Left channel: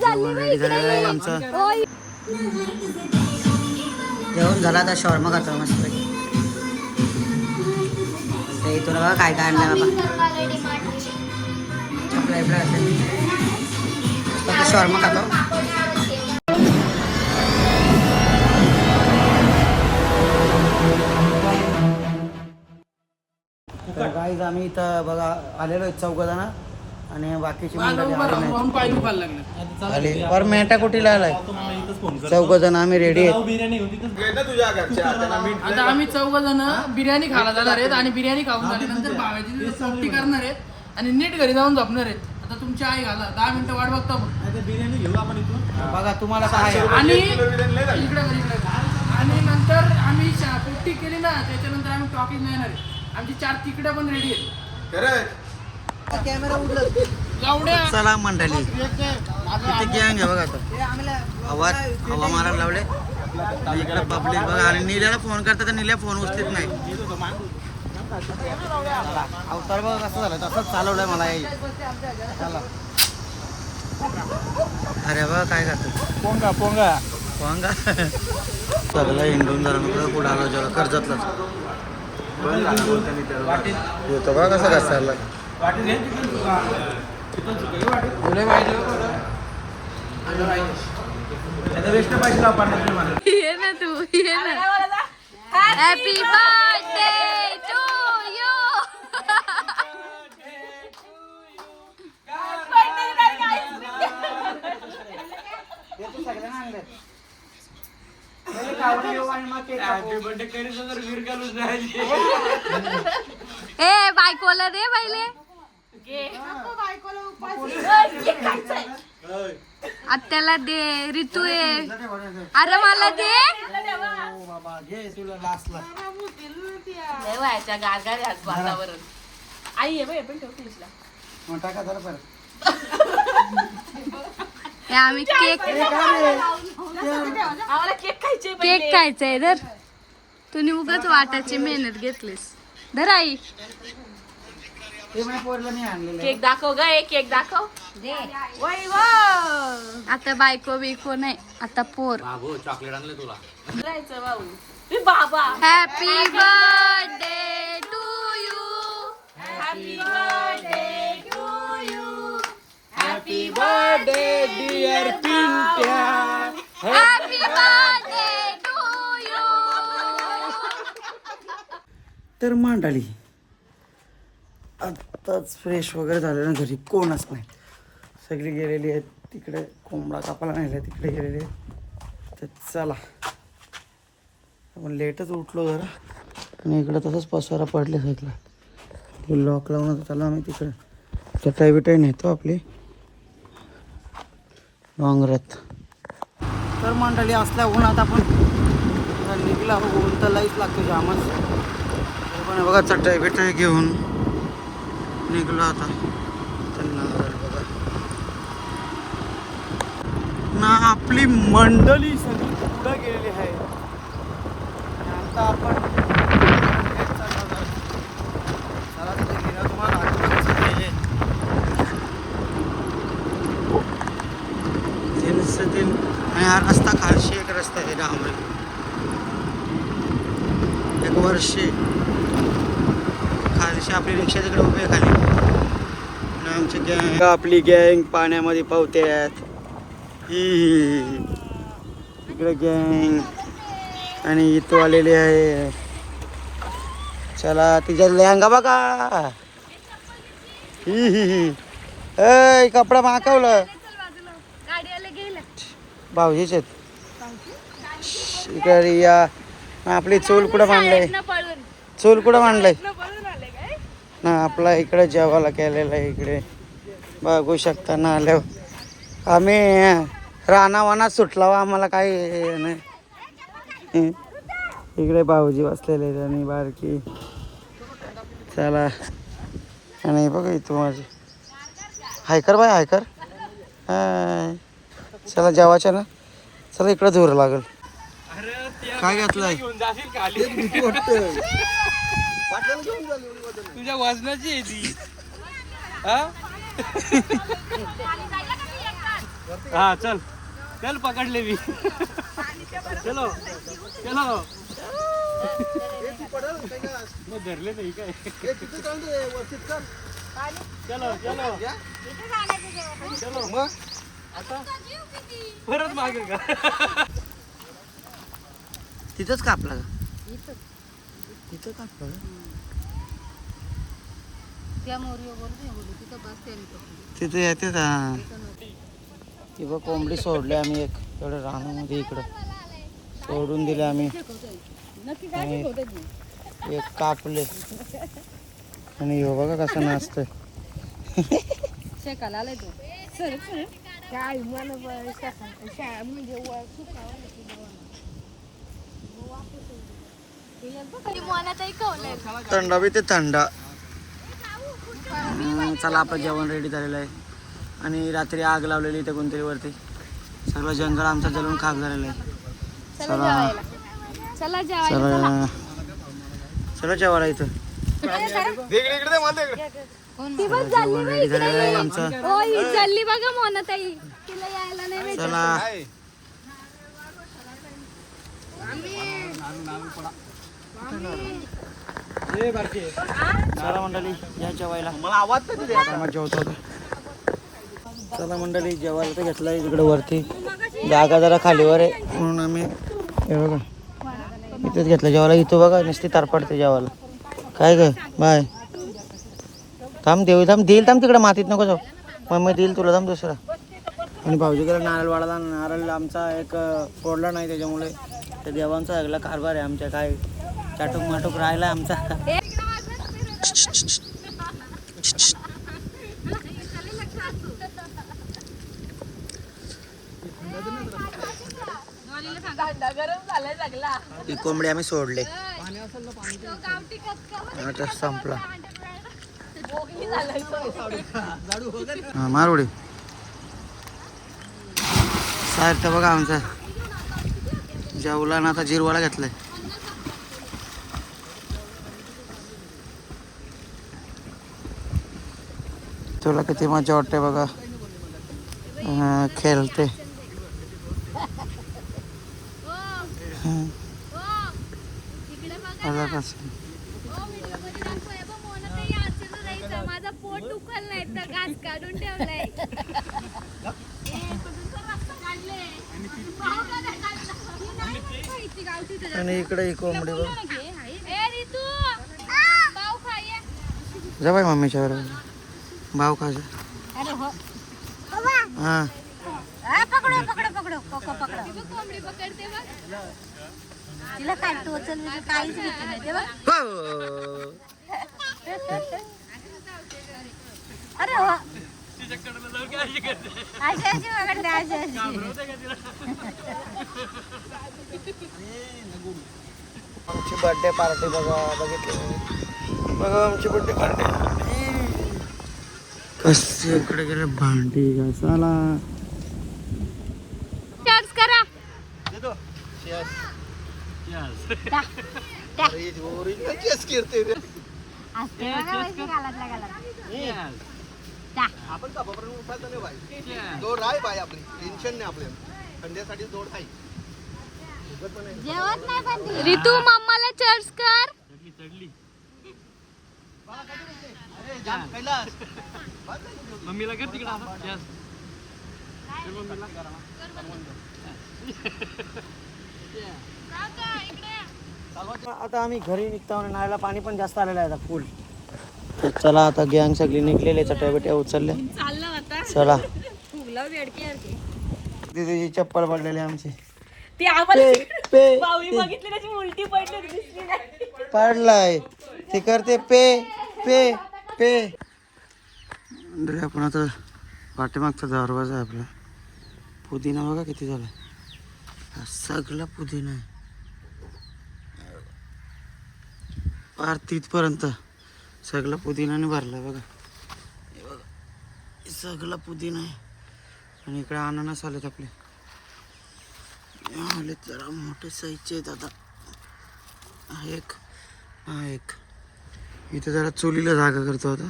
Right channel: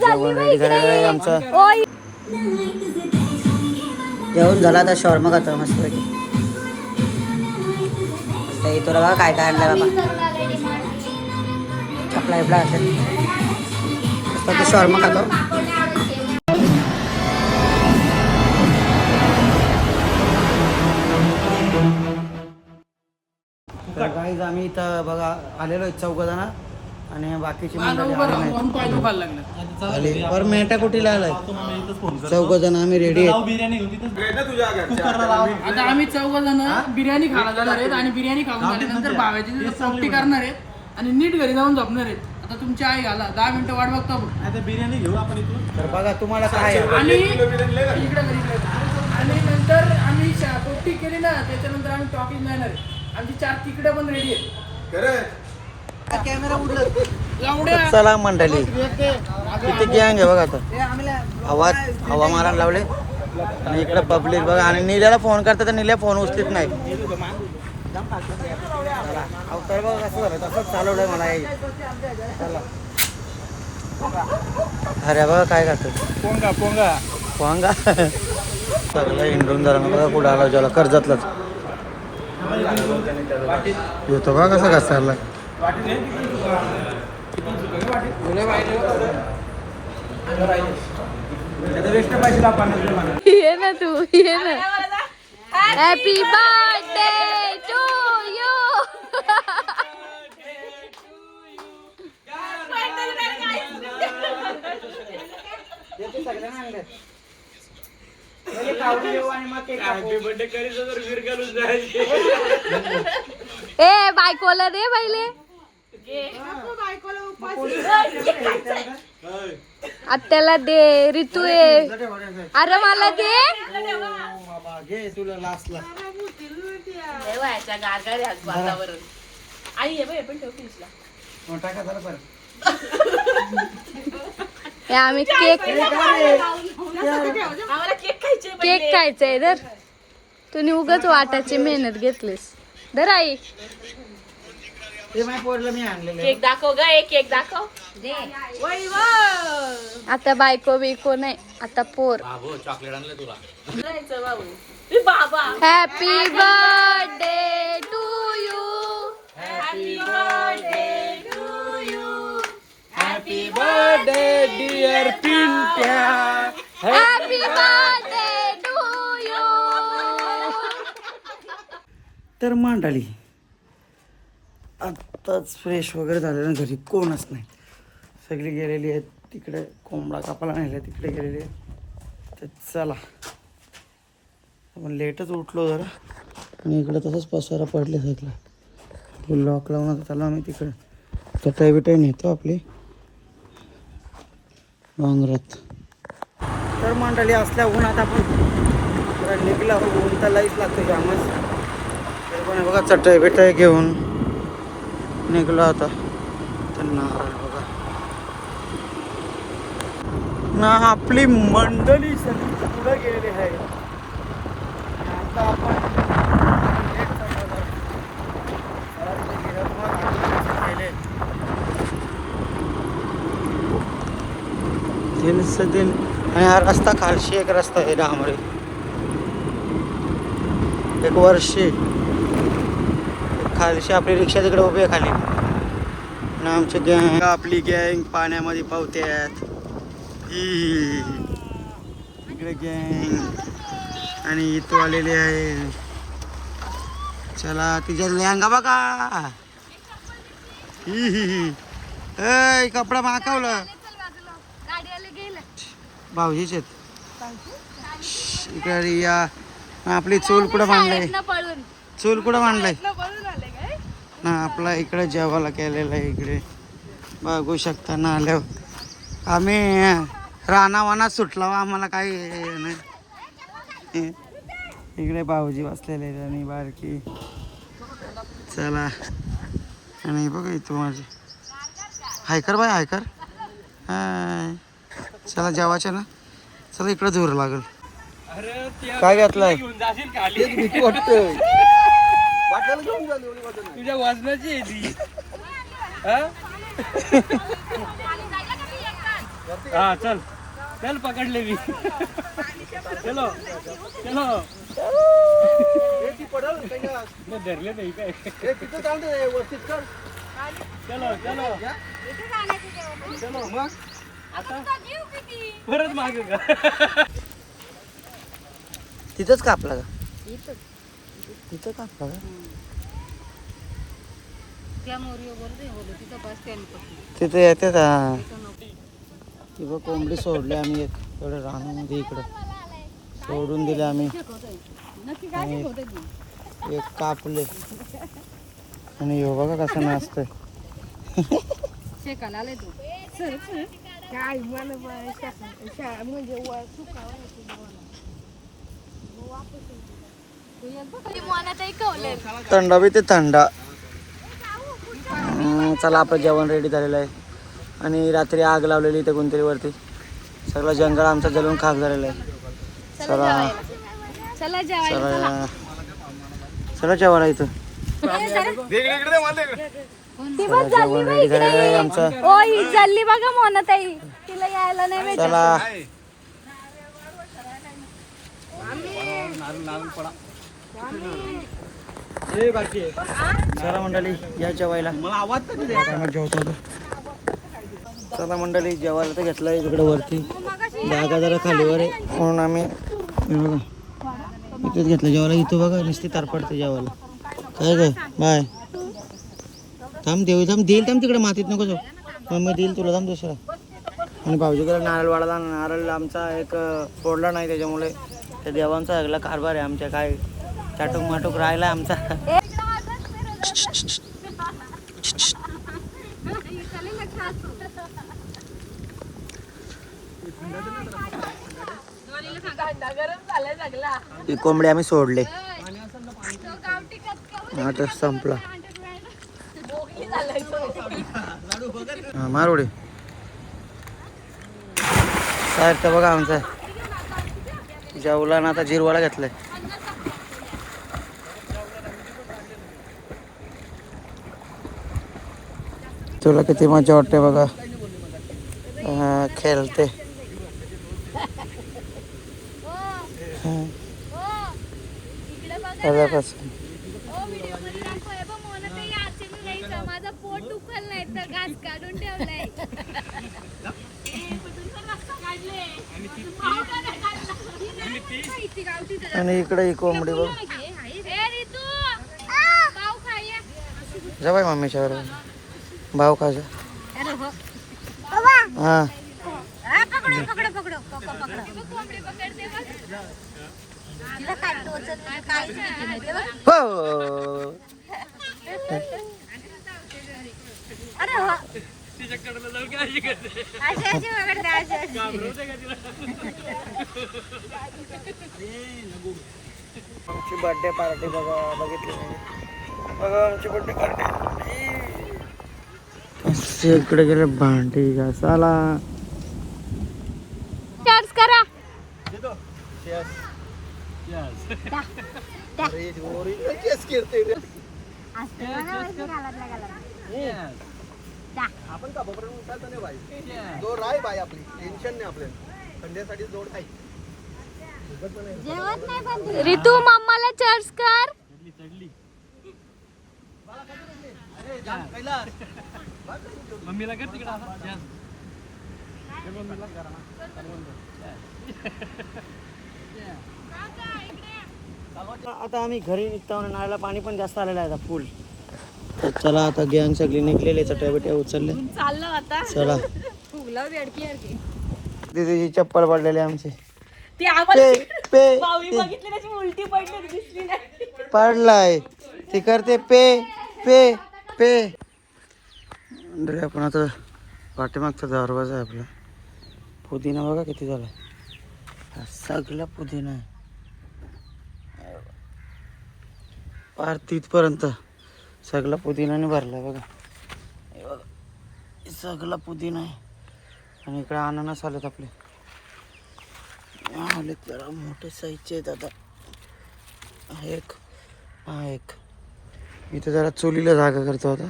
जेवण रेडी झालेलं आहे आमचं. जेवण झालं आता शॉर्मा खातो मस्त पैकी. तुला बघा काय काय आणलं बाबा. चपला बिपला असेल तर शॉर्मा खातो. तर गाईज आम्ही इथं बघा आलेलो आहे 4 जण आणि बाकीची मंडळी आली और मेटा कुठेला आलाय. 4 जण आम्ही रेडी आहेत. आता आम्ही 4 जण बिर्याणी खायला जाणार आहेत आणि बिर्याणी खाऊन झाल्यानंतर भाव्याची पोपटी करणार आहेत आणि नीट घरी जाऊन झोपणार आहेत. आता तुमची आई घाला 10 मिनिटं वाट बघता आपण. बिर्याणी घेऊ आपण इथून. तर बघा तुम्हाला काय आणि नंतर आम्ही पोपटी केली ना त्याच्यानंतर आम्ही टॉकिंग जाणार आहे. आमची 4 तिकडे पण रेडी आहेत. चला मंडळी किती गँग आहे बघा आता. हवा मारायला लावले आणि इकडे पब्लिक बघा आणि नील्याला फोन करतात तर नील्या फोन उचलीत नाही. चला अवतार बघा कसं झालं तसंच चालवलंय मला. चला अरे बघा काय करतो पोंगा सगळं हिंडून जरा बघा कुठं आला जेवला कर्जतलाच होतो बघा कसं कसं ये ना तू ये ना. Happy birthday to you. ए बायकोला दे पहिले. आत्याला दे. ऋतू आहे अरे मला दे. तुला लास्टला आई आम्ही केक खायचंय धर. तुम्ही उगाच वाटाची मेहनत घेतलीस. धर आई केक दाखव ग. केक दाखव. आता बायको बिको नाही आता पोर. चॉकलेट आणले तुला. Happy birthday to you. Happy birthday to you. Happy birthday dear Pintya. Happy birthday to you. तर मांडाली आत्ताच फ्रेश वगैरे झालेलं घरी कोणच नाही. सगळी गेलेली आहेत तिकडे कोंबडा कापायला नेला तिकडे गेलेली आहेत. तर चला आपण लेटच उठलो जरा आणि इकडं तसंच पसारा पडले सगळं. लॉक लावून चाललो आम्ही तिकडे. चटाई बिटाई नेतो आपली डोंगरात. तर मंडळी असल्या उन्हात आपण निघला ऊन तर लाईच लागतो जामच. तर पण बघा चटाई बिटाई घेऊन निघलो आता ना. आपली मंडळी सगळी पुढे गेलेली आहे. दिन आणि हा रस्ता खालशी एक रस्ता आहे डांबरी. एक वर्षी खालशी आपली रिक्षा तिकडे उभी आहे खाली. आमची गँग आपली गँग पाण्यामध्ये पावत्यात. इकडे गँग आणि इथं आलेली आहे. चला तिच्या लेहंगा बघा. ही कपडा मागवलं भाऊजीचे. इकडे या आपली चूल कुठं मांडलंय. चूल कुठं मांडलंय ना आपला इकडे जेवायला केलेलं आहे. इकडे बघू शकता ना आल्यावर आम्ही रानावानात सुटला आम्हाला काही नाही. इकडे भाऊजी बसलेले आणि बारकी. चला आणि बघा इथं माझी हायकर बाय हायकर. हाय. चला जेवायच्या ना. चला इकडं जोर लागल. काय घेतलाय? तुझ्या वजनाची आहे ती. हा चल चल पकडले मी. चलो चलो. धरले नाही काय. चलो चलो चलो मग आता परत मागे का. तिथंच कापला का? तिथं कापला का? तिथे येते का? ती बघ कोंबडी सोडली आम्ही एक एवढं रानामध्ये इकडं सोडून दिले आम्ही. आणि एक कापले आणि ह्यो बघा कसं नाचतोय. थंडा बी ते थंडा. चला आपलं जेवण रेडी झालेलं आहे आणि रात्री आग लावलेली इथे कोणतरी वरती. सगळं जंगल आमचा जलून खाक झालेलं आहे. चला चला चला चला जेवायला इथं. जेवण रेडी झालेलं आहे आमचं. चालली बघा मोनाताई, तिला यायला नाही. चला चला मंडळी या जेवायला. टायमात जेवतो. चला मंडळी जेवायला तर घेतलं आहे तिकडे वरती. जागा जरा खालीवर आहे म्हणून आम्ही हे बघा इथेच घेतलं जेवायला. इथं बघा नुसती तारपडते जेवायला. काय काय बाय थांब देईल थांब तिकडे मातीत नको जाऊ. मग देईल तुला थांब दुसरं. आणि भाऊजीकडे नारळ वाढला. नारळ आमचा एक फोडला नाही त्याच्यामुळे त्या देवांचा सगळा कारभार आहे आमच्या. काय चाटूक माटूक राहिला आमचा. ती कोंबडी आम्ही सोडले. आता संपलं. हा मारोडे काय तर बघा आमचा जेवला ना. आता जिरवाला घेतलाय. तुला किती मजा वाटते बघा खेळते. माझा पोट दुखल नाही तर घास काढून ठेवलाय. आणि इकडे ही कोंबडी बघ. जवळ मम्मीच्या बरोबर भाव खायचा. हा हो. आमची बर्थडे पार्टी बघा. बघितली बघा आमची बर्थडे पार्टी कसे इकडे गेले भांडी घासाला. चर्च करा. आपण का बरोबर उठायचं नाही भाई. जोड आहे भाई आपली. टेन्शन नाही आपल्याला. संडेसाठी जोड आहे. रितू मम्माला चर्च कर. मम्मीला कर तिकडे आता. मम्मीला आता आम्ही घरी निघतो आणि नाळ्याला पाणी पण जास्त आलेलं आहे आता फुल. तर चला आता गँग सगळी निघलेले. चटया बिट्या उचलले. चला दीदीची चप्पल पडलेली आमची. पडलाय ते करते पे पे पे. रे आपण आता पाठीमागचा दरवाजा आहे आपला. पुदिना बघा किती झाला. हा सगळा पुदिना आहे पार तिथपर्यंत. सगळा पुदिनाने भरला बघा. हे बघा सगळा पुदिना आहे. आणि इकडे अननस आलेत आपले. आलेत जरा मोठे साईजचे आहेत आता. हा एक. इथे जरा चुलीला जागा करतो आता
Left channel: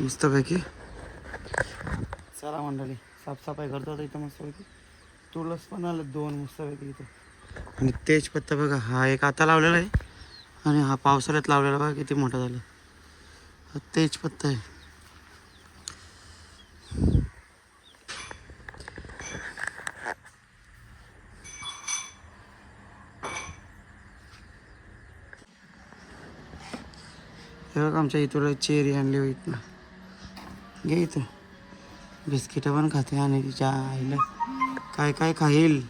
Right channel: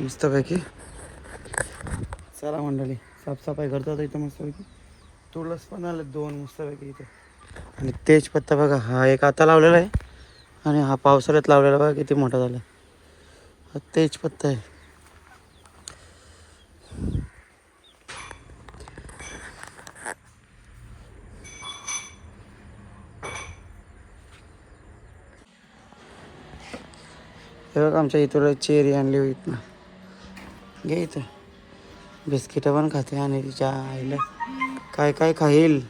मस्तपैकी. चला मंडळी साफसफाई करतो आता इथं मस्तपैकी. तुळस पण आले 2 मस्तपैकी इथे. आणि तेजपत्ता बघा, हा एक आता लावलेला आहे आणि हा पावसाळ्यात लावलेला बघा किती मोठा झाला. हा तेजपत्ता आहे. हे बघा आमच्या इथं चेरी आणली होती इथनं. घे इथं बिस्किटं पण खाते आणि तिच्या आईला काय काय खाईल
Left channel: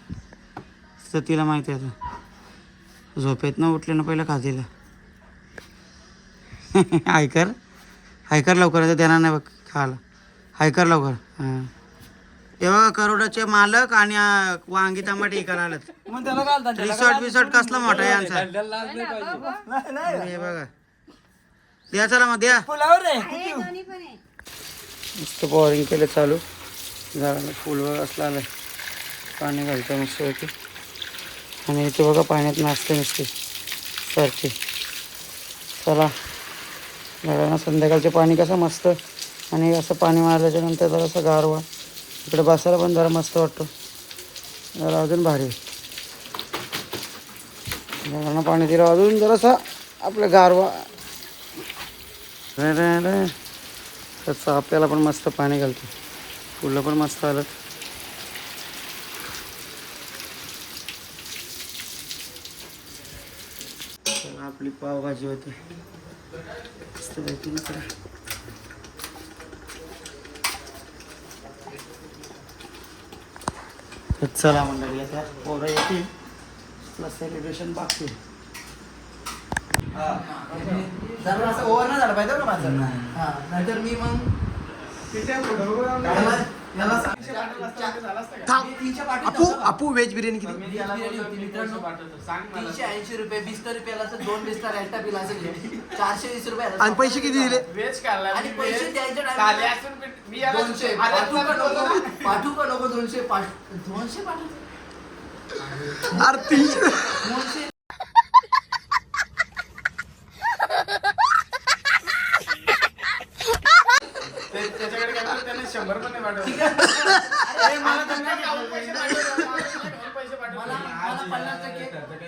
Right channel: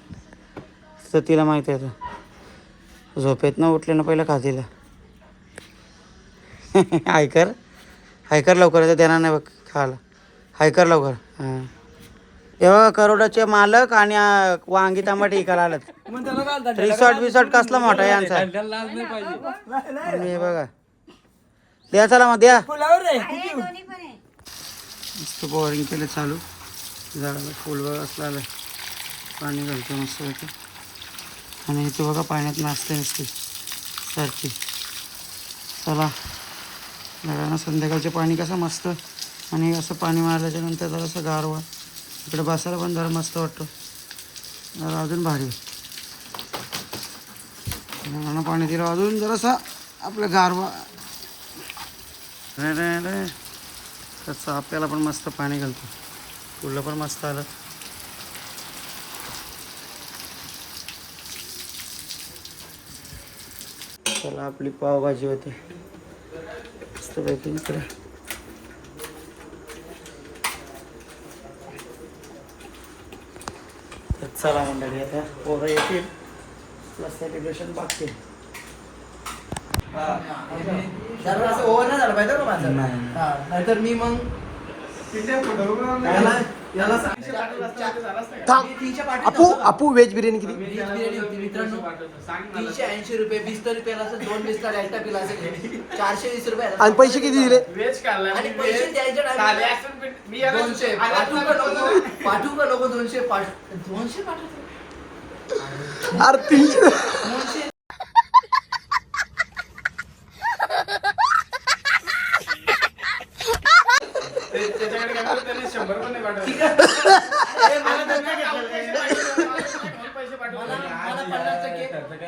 तर तिला माहिती आहे. आता झोपेतनं उठले ना पहिलं खातीला. हायकर लवकर देणार नाही बघ खायला. हायकर लवकर. हां हे बघा करोडाचे मालक आणि वांगी टमाटे इकायला आलेत. रिसॉर्ट कसला मोठा आहे यांचा. आणि हे बघा द्या चला मग द्या. मस्त बोरिंग केलं चालू. झाडाला फुल बघा असलं आलं. पाणी घालतं मस्त होते. आणि इथे बघा पाण्यात नाचते नसते सारखे. चला झाडांना संध्याकाळचे पाणी कसं मस्त. आणि असं पाणी मारल्याच्या नंतर जरासं गारवा इकडे बसायला पण जरा मस्त वाटतो. जरा अजून भारी झाडांना पाणी दिलं अजून जरासा आपलं गारवा. तसं आपल्याला पण मस्त पाणी घालतो. फुलं पण मस्त आलं. चला आपली पावभाजी होते मस्तपैकी इकडे. चला मंडळी आता पोरं येतील प्लस सेलिब्रेशन बाकी. जरा असं ओव्हर नाही झालं पाहिजे माझं. नाहीतर मी मग अपू व्हेज बिर्याणी किती? बिर्याणी होती मित्रांनो 380 रुपये. 20 रुपयाला असं 2 बिस्टा डेल्टा पिला असं 420 रुपये. आणि पैसे किती दिले? आणि पैसे द्यायचे टाइम 200 पाठवू का नको? 200 पाठवतो. अरे 300.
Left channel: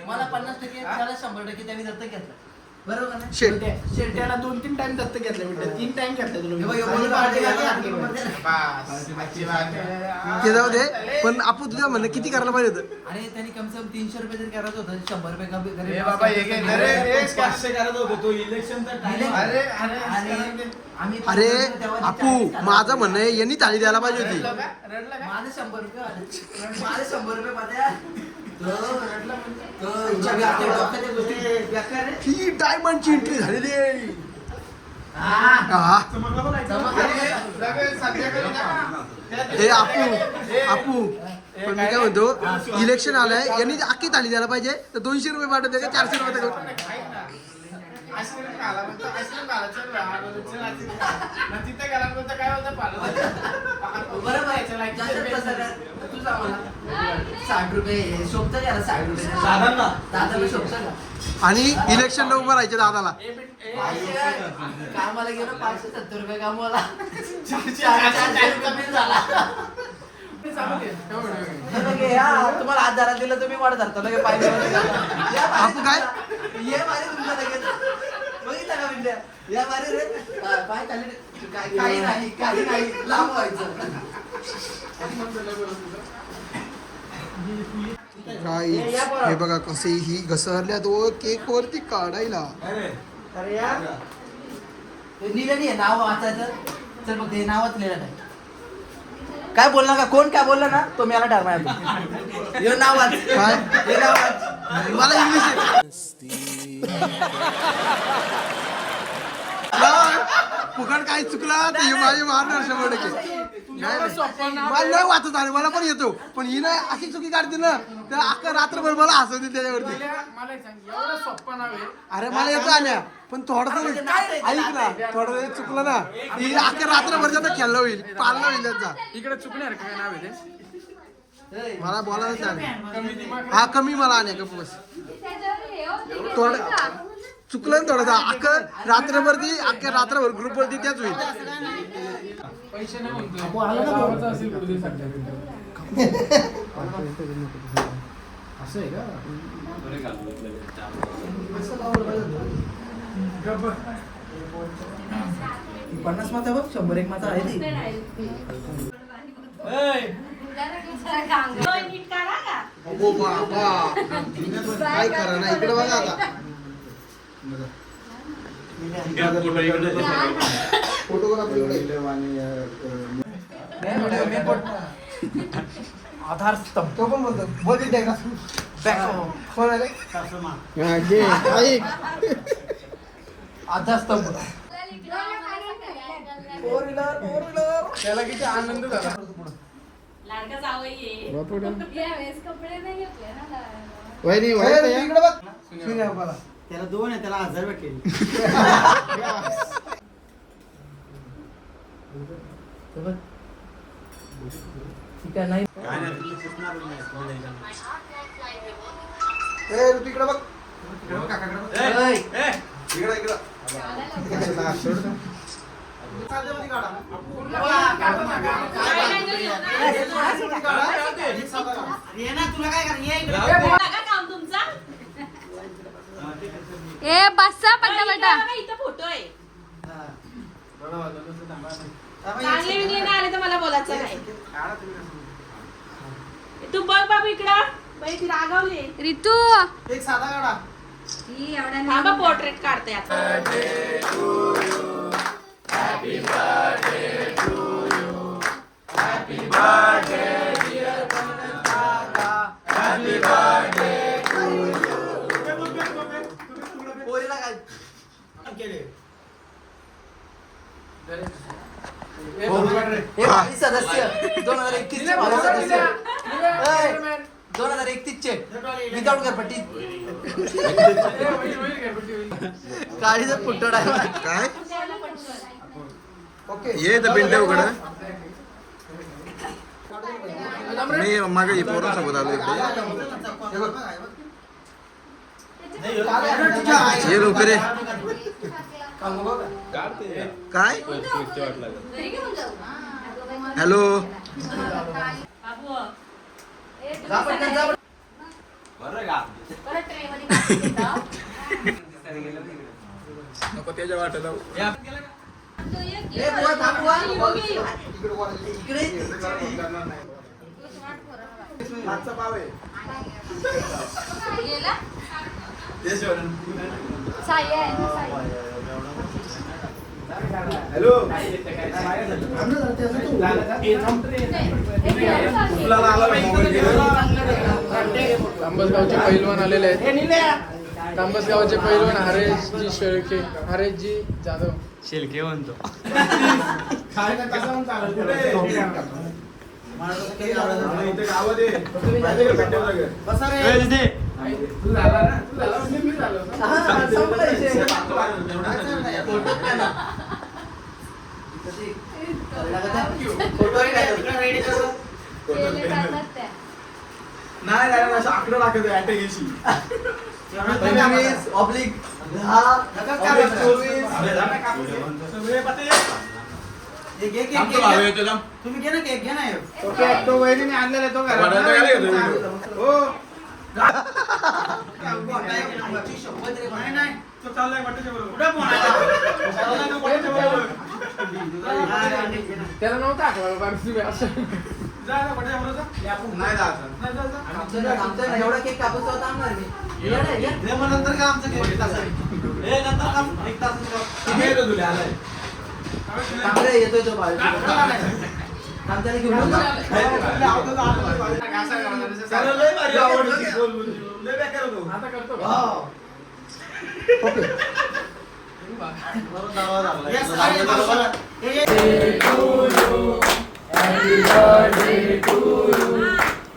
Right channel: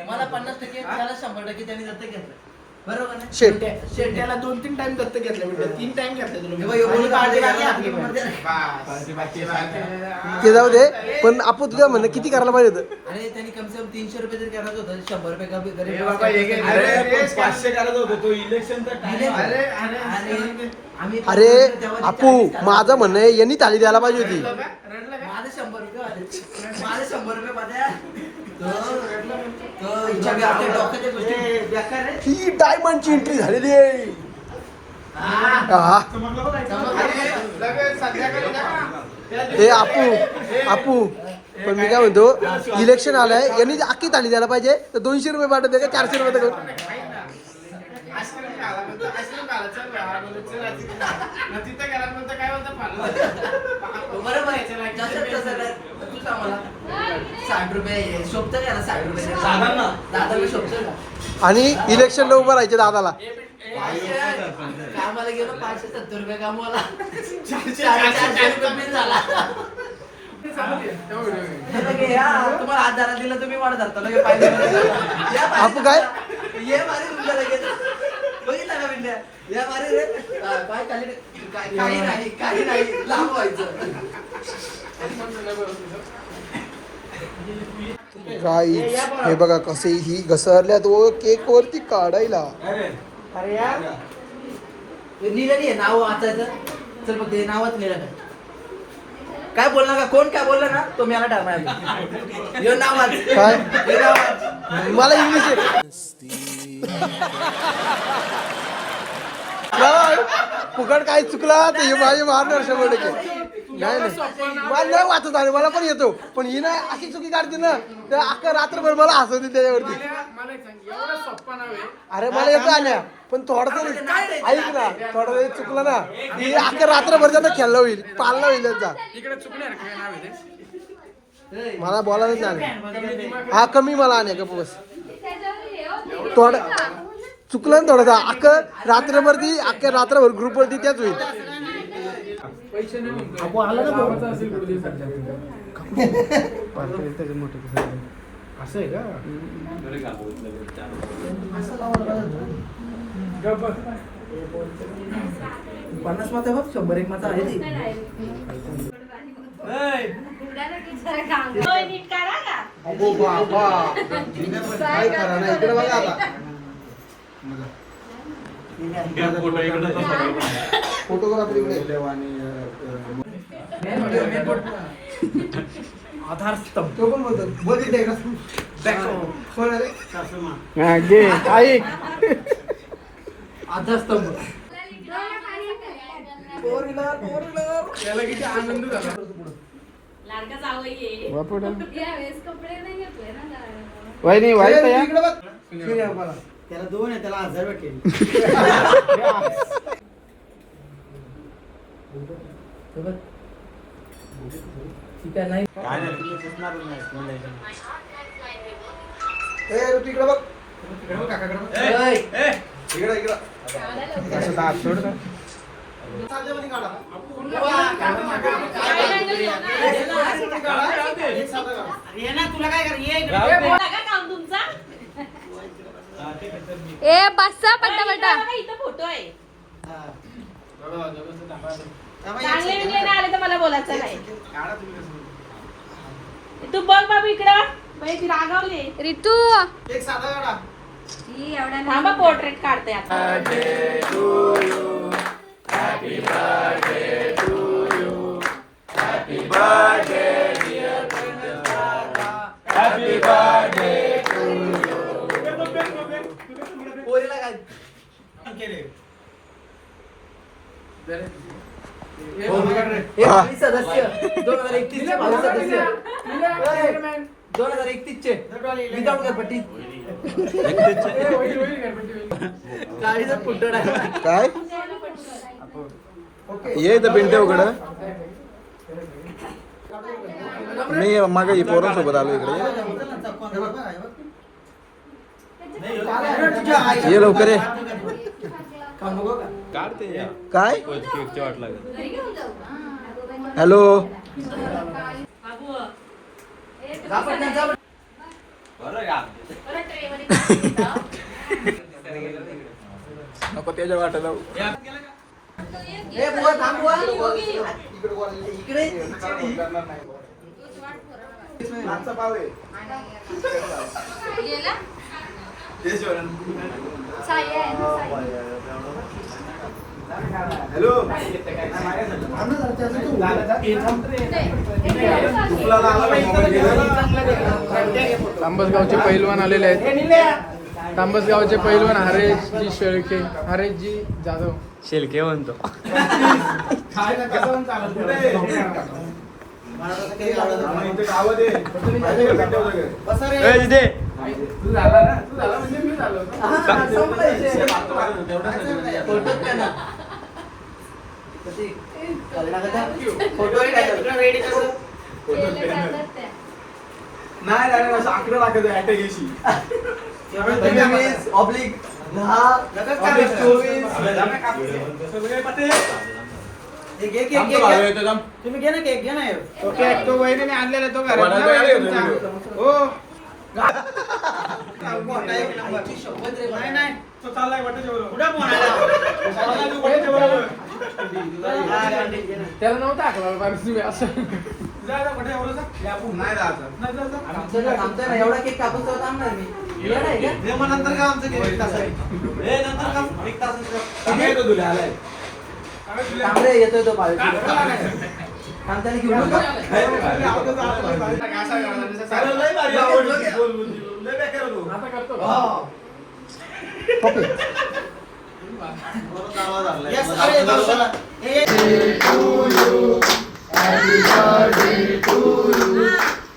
मला 50% त्याला 100% त्यांनी दत्तक घेतलं. बरोबर ना? त्याला 2-3 टाइम दत्तक घेतले. 3 टाइम घेतले ते जाऊ दे. पण आपण तुझ्या म्हणणं किती करायला पाहिजे होतं? आणि त्यांनी कमसे कम 300 रुपये जर करायचं होतं 100 रुपये का 500 करत होतो तो इलेक्शन. अरे आपू माझं म्हणणं आहे यांनी थाळी द्यायला पाहिजे होती. माझे 100 रुपये आले. माझे 100 रुपये माझ्या ही डायमंडची एंट्री झालेली आहे. हे आपू पण मी काय म्हणतो इलेक्शन आलंय यांनी अख्खी थाळी द्यायला पाहिजे. तर 200 रुपये पाठवते का 400 रुपये करून? बरोबर आहे. तू सांग मला 60 रुपये शोभतं का 60 रुपये दादा मी शोभतं का? आणि इलेक्शनला उभं राहायचे दादाला. कामाला गेलो 570 रुपये कामाला 400 रुपये बिल झाला. तुम्हाला 1000 दिलं तुम्ही वाढ धरता आपू काय ये मारे तुमच्या लगेच बघितलं का विंड्या या मारे रे काय काही नाही लांब व्हायचं. गाईस हे बघा कसे ही घसरल्यात व केक वरती काढायला. लिहिलं नाही नाव वाचायचं. चल बघ हे नावात लिहिलं काय काय बोलला का कोण काय बोलला ना तो मला डरणार. हे नाव वाच काय हे नाव वाच. मला इंग्लिश आहे. नाही, फुकट काय चुकला तर हे माझी मारणार 100%. नाही मला नाही वाचत आले मला पण येतो. पण ही ना अशी चुकी काढते ना तर अख्खा रात्रभर मला हसवतील त्याच्यावरती. अरे मला येतो आल्या पण थोडस ऐक ना थोडं वेळ चुकलं ना की अख्या रात्रभर त्यांना खेळलं होईल पाळलं होईल त्यांचा इकडे चुकणार काय नाव आहे ते? मला बोलायलाच नाही हा कमी मला आणि गप्प बस थोडं चुकलं ना थोडासा रात्रभर ती अख्ख्या रात्रभर ग्रुप वरती त्याच होईल पैसे नाही म्हणतो गावाचा असेल कुठे सध्या असं आहे का? पन्नास माता बघ 100 माता आहे ती अगो बाबा काय करा ना इकडे बघा आता फोटोग्राफी आधार स्तंभ पण बघितलंय का आधार स्तंभ त्याला किती आनंद झाला. त्याला 2 आहे त्याला 1000 भेटले तिकडे बघ ए बसा पटापटा मला बोलायचं काय तू बघ बाबू इकडं ती रागावली रितू एक साधा काढा थांबा पोर्ट्रेट काढते आता पोरीला काय केले सदस्य 2031 चे भावी सदस्य 2031 चे विदाउट घरपट्टी काळीचा पुट्टड आहे काय ये तर पिंटे उघड मी मागे पोरांसोबत आलो इकडे ये लवकर ये काय हॅलो नको त्याच्या वाटायला तांबसगावचे पैलवान आलेले आहेत. तांबसगावचे पैलवान हरेशजी शेळके हरेशजी जाधव शेलके म्हणतो तू झाला ना तू झाला म्हणजे मी झालो नाही आकडा टाकत आहे त्या दिवशी ऑब्लिक 10 तुम्ही घे ना केक घे ना आणलेला तो घरात नाही तो चाललाय वाटेच्या त्याला नव्हतं आठवलं कारण तुम्ही असं एवढा केक कापूस नंतर का आमचं येतोय तो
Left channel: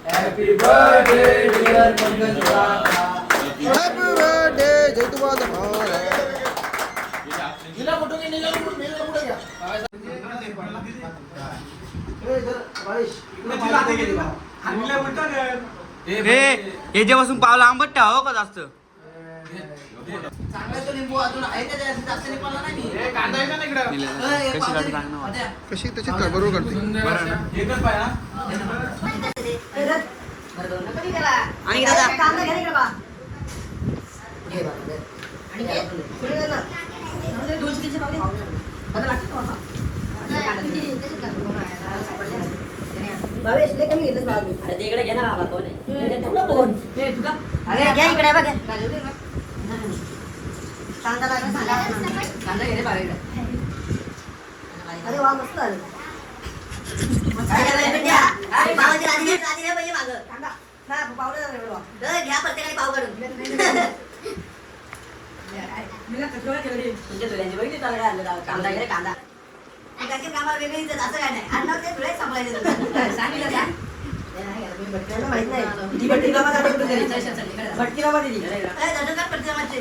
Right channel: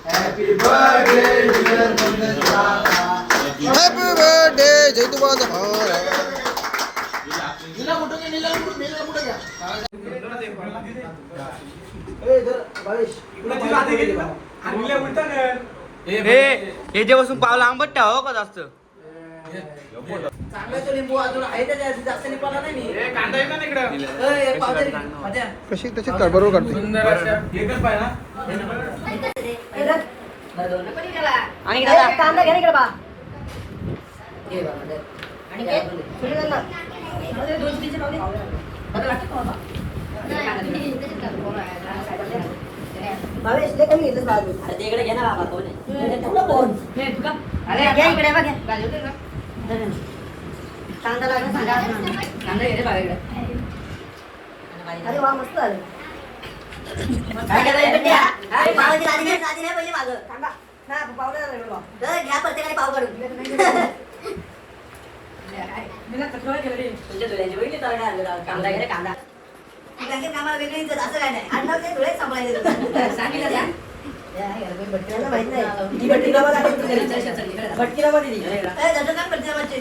Happy birthday, dear Chandra. Happy birthday, Jai Tuba Zamara. हे जेव्हापासून पावलं आंबट ठेवा हो का जास्त कशी त्याची बरोबर काढते आणि दादा कांदा घ्या इकडे बा भावेश लय कमी घेतलं बाबू अरे इकडे घे ना बाबा तो अरे घ्या इकडे बघ कांदा लागला कांदा घे रे बाबा अरे वा मस्त आले काय करायचं अरे बाबाची गाडी घे पहिले मागं कांदा ना पावडर झालं घ्या प्रत्येकाने पाव काढून मी ना कचरा केलं रे तुझ्या तुझ्याची बहिणी त्याला आणलं कांदा घे कांदा त्याचे कामा वेगळी असं काय नाही आडनाव ते तुळे सांभाळायचे सांगितलं द्या भट्टीला माहित नाही ती भट्टी गावात आली भट्टीला मध्ये दिली काय झालं का प्रतिमाचे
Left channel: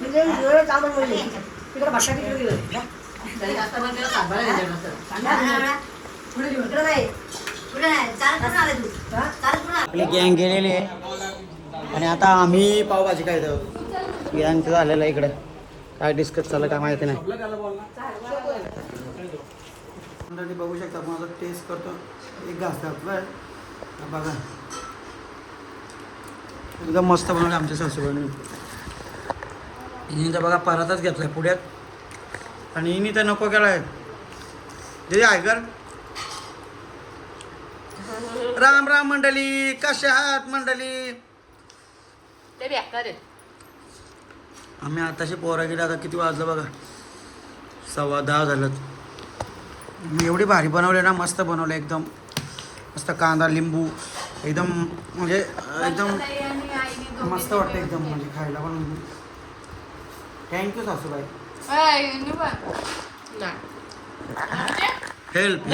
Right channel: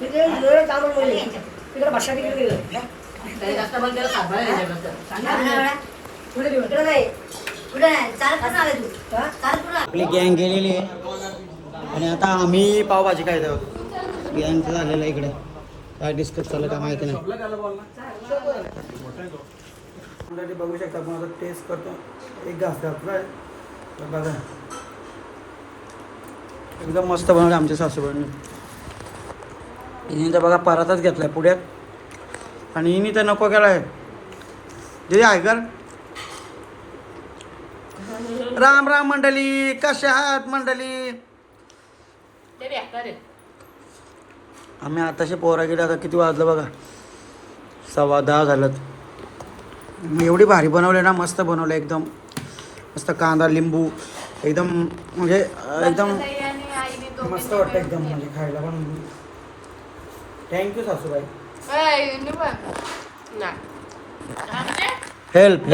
तुझे काम बोलले तिकडे भट्टा तिकडे गेलो तरी जास्त बंद केलं सातबारा घ्यायचं पुढे दिवस नाही पुढे नाही चालत कसं आले तू चालत पुढे आपली गँग गेलेली आहे आणि आता आम्ही पावभाजी खायत आहोत गँगचं झालेलं आहे इकडे काय डिस्कस चाललं काय माहिती नाही बघू शकता आपण आता टेस्ट करतो एक घास घातलाय तर बघा एकदम मस्त बनवलं आमच्या सासूबाईंनी हिने तर बघा पराताच घेतलाय पुढ्यात आणि हिने तर नको केला आहे हे आहे का राम राम मंडळी कशा आहात मंडळी आम्ही आताशे पोरा गेले आता किती वाजलं बघा 10:15 झालं मी एवढी भारी बनवले ना मस्त बनवले एकदम मस्त कांदा लिंबू एकदम म्हणजे एकदम मस्त वाटतं एकदम म्हणजे खायला पण थँक्यू सासूबाई हेल्प